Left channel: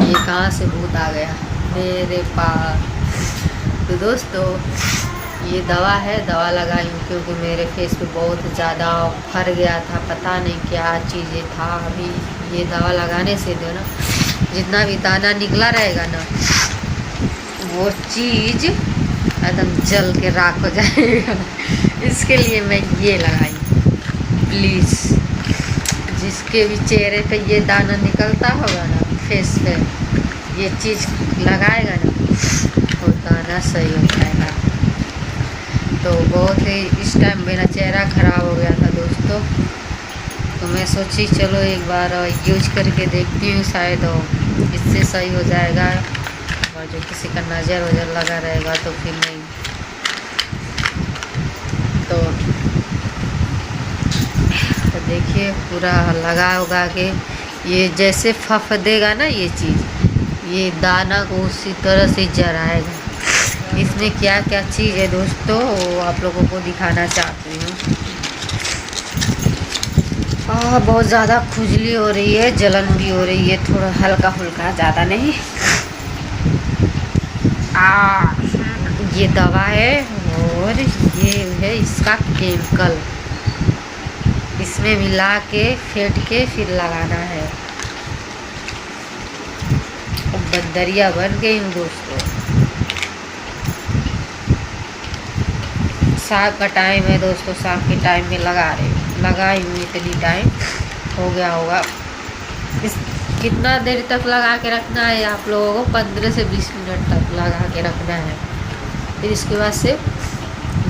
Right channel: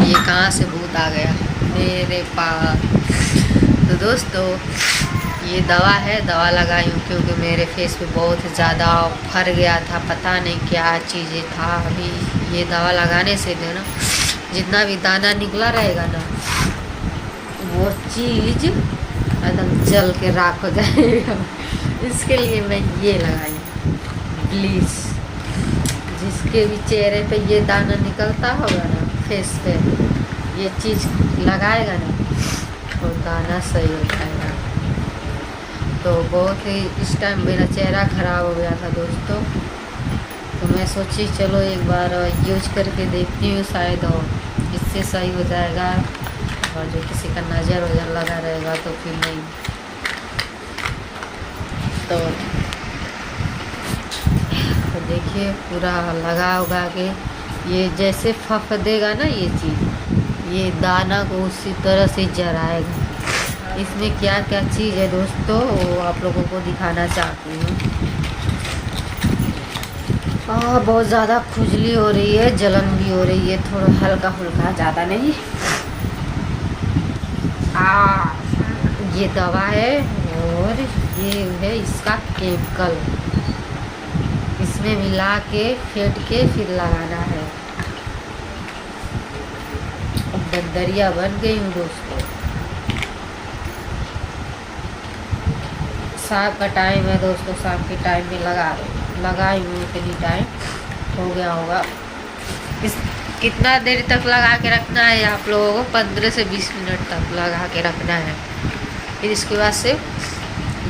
ये कहाँ से भूत आ गया मेरे पास। तो दोस्तों ये दवा है, दवा लगाई हूँ क्योंकि मेरे फेस पे बहुत ज़्यादा फर गया था, पता नहीं क्या चीज़ें था। अभी ये दवा लगाने से जो ना जितना भी दाना निकला रहेगा ना वो चीज़ एकदम जल के राख हो जाएगा। इसके लिए मैं ये लगाई। प्लीज़ जिसके भी चेहरे पे ये दाना निकलता होगा ना, फेस पे ये चीज़ लगाएगा ना वो दाना सही हो जाएगा। तो बहुत ही इस टाइम मेरा चेहरा ख़राब हो गया था दोस्तों, तो मैं सोची चलो एक बार यूज करके देखती हूँ, शायद इससे सही हो जाएगा। और जो किसी का नज़र वज़र लगा रहेगा तो फिर नहीं। तो देखिए पूरा लगा उगा के ये जैसे फफदेगा ना ये चीज़, ये दाना को उसी तरह से जराएगा। इसमें क्या क्या चीज़ है दोस्तों वो आप लोगों को दिखाना चाहती हूँ। बहुत ज़्यादा खुजली हो रही है, जलन भी हो रही है, थोड़ा हल्का फुल्का, ज़्यादा नहीं। ये दवा है और ये है इसका केमिकल, इसमें मिला के फेंट के फिर लगाना है। बंदरिया बन गई हूँ दोस्तों। शाम का टाइम है दोस्तों, शाम के टाइम में लगाई हूँ, इतनी टाइम हो गया होगा। इस कितना देर तक लगा के रखना है आप लोगों को, 15 से 20 मिनट तक लगा के रखना है। फिर इसके बाद से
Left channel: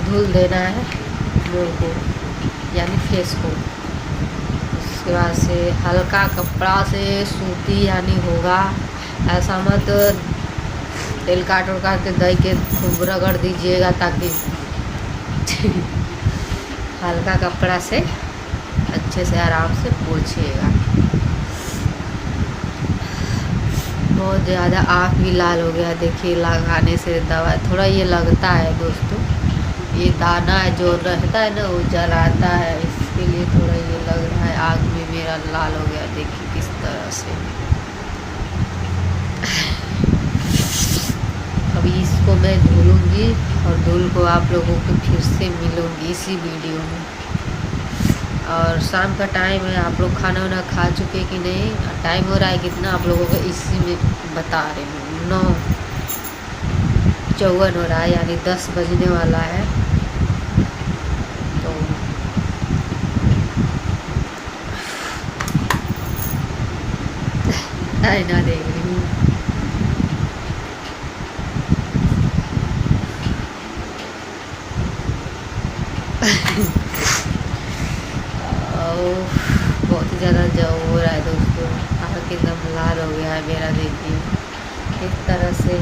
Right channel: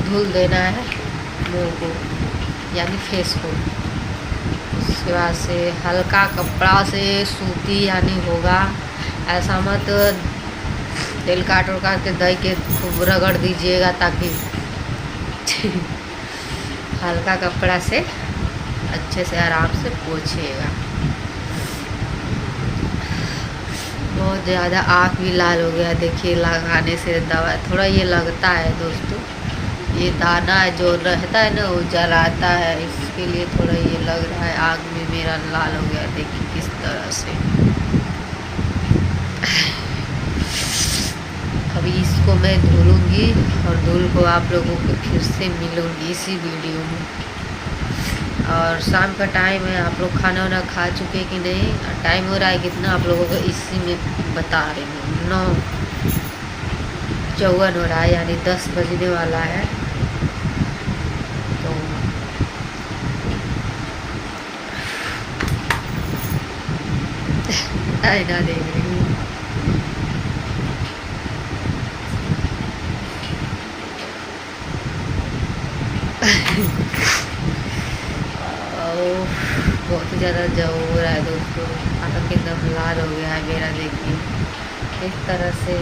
धुल देना है मुँह को यानी फेस को। उसके बाद से हल्का कपड़ा से सूती यानी होगा, ऐसा मत तेल काट के दही के खूब रगड़ दीजिएगा, ताकि हल्का कपड़ा से अच्छे से आराम से पोंछिएगा। बहुत ज़्यादा आँख भी लाल हो गया देखिए, लगाने से दवा थोड़ा ये लगता है दोस्तों, ये दाना जो रहता है ना वो जलाता है, इसके लिए थोड़ा ये लग रहा है। आँख में मेरा लाल हो गया देखिए किस तरह से। अभी इसको मैं धुलूँगी और धुल को आप लोगों को फिर से मिलूँगी इसी वीडियो में। और शाम का टाइम है, आप लोग खाना वाना खा चुके कि नहीं? टाइम हो रहा है कितना आप लोगों को इसी में बता रही हूँ, 9:54 हो रहा है यानी 10 बजने वाला है। तो आईना देख रही हूँ। बहुत ही ज़्यादा जव हो रहा है दोस्तों, आँख एकदम लाल हो गया है मेरा। देखिए इस तरह से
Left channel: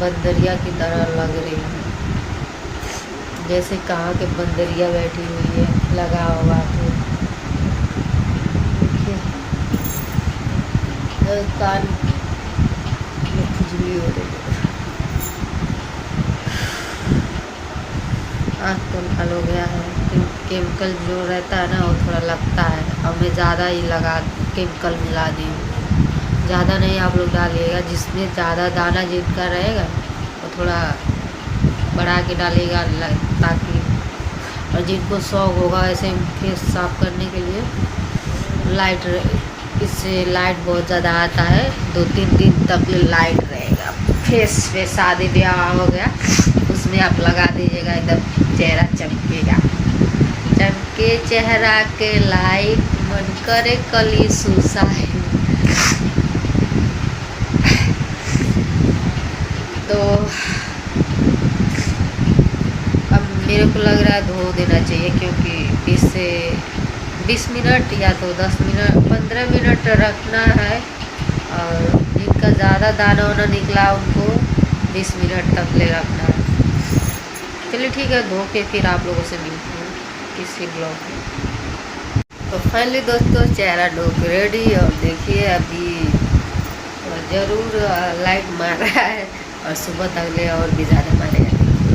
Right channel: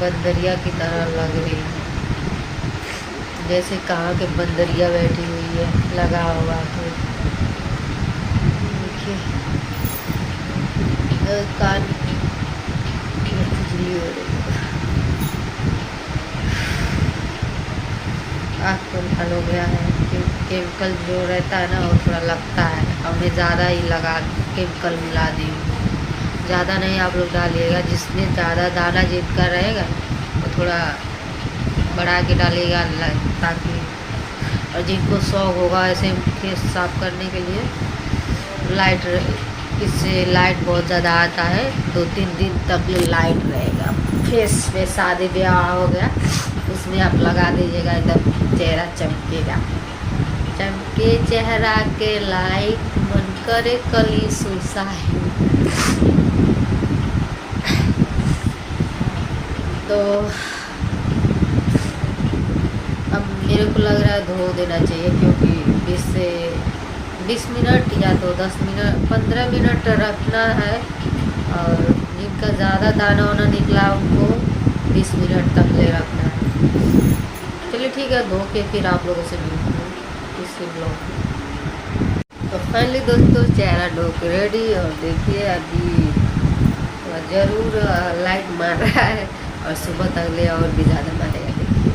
बंदरिया की तरह लग रही है, जैसे कहाँ के बंदरिया बैठी हुई है लगा हुआ। तो देखिए कान में खुजली हो रही है, आँख तो लाल हो गया है। केमिकल जो रहता है ना वो थोड़ा लगता है, और मैं ज़्यादा ही केमिकल मिला दी हूँ। ज़्यादा नहीं आप लोग डालिएगा, जिसमें ज़्यादा दाना जिनका रहेगा वो थोड़ा बढ़ा के डालिएगा, ताकि और जिनको शौक होगा ऐसे फेस साफ करने के लिए लाइट, इससे लाइट बहुत ज़्यादा आता है, 2-3 दिन तक लाइट रहेगा फेस पे। शादी ब्याह हो गया उसमें आप लगा दीजिएगा, एकदम चेहरा चमकेगा। चमके चेहरा के लाइट, मन करे कली सुसाए। तो अब मेरे को लग रहा है धो देना चाहिए, क्योंकि 20 मिनट या तो 10 मिनट 15 मिनट रखना है। और जिनका ज़्यादा दाना वाना निकला उनको 20 मिनट तक ले रखना है। चलिए ठीक है, धो के फिर आप लोगों से मिलती हूँ इसी ब्लॉग में। तो फाइनली दोस्तों चेहरा धो के रेडी, और देखिए अभी ज़रूर लाइट मार रहा है और सुबह तक ले और भी ज़्यादा मारेगा देखिए।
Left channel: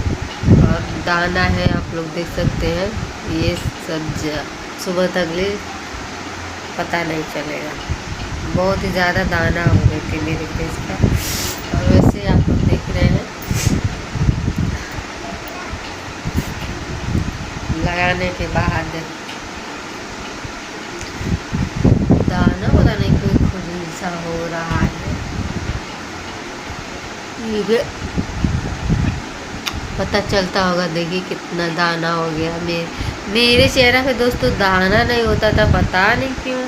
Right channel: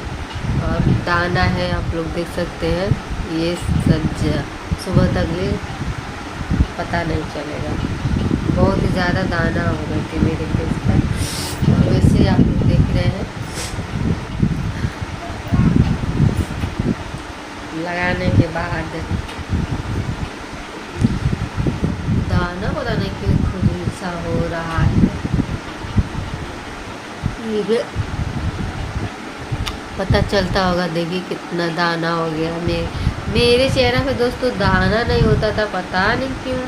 और दाना है आप लोग देख सकते हैं, ये सब सुबह तक ले पता नहीं चलेगा। बहुत ही ज़्यादा दाना हो गई थी मेरे फेस पर। और वैसे आप लोग देख रहे हैं लगाने के बाद दाना पता नहीं क्यों खुजली सा हो रहा है। ये पता चलता होगा, देखिए कितना दाना हो गया। मेरे चेहरा पे दोस्तों दाना नहीं होता था, पता नहीं क्यों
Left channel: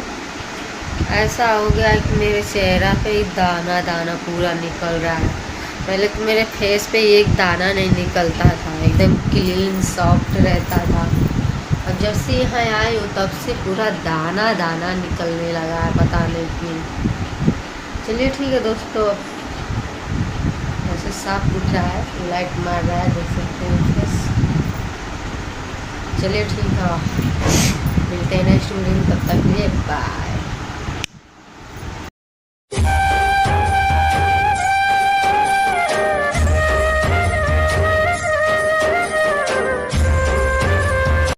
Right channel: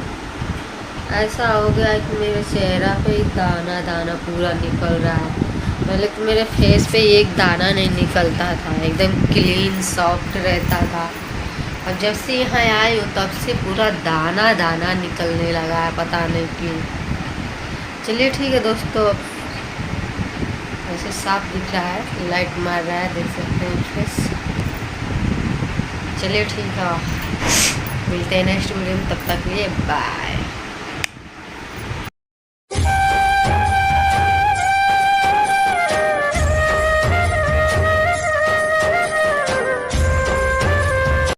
ऐसा हो गया कि मेरे चेहरा पे दाना दाना पूरा निकल रहा है। पहले तो मेरे फेस पे एक दाना नहीं निकलता था, एकदम क्लीन सॉफ्ट रहता था। अब जब से यहाँ आई हूँ तब से पूरा दाना दाना निकलने लगा है, पता नहीं क्यों। चलिए ठीक है दोस्तों, वैसे साफ दिख रहा है, लाइट मार रहा है, देख सकते हैं फेस। चलिए ठीक है, मिलते हैं नेक्स्ट वीडियो में, तब तक के लिए बाय।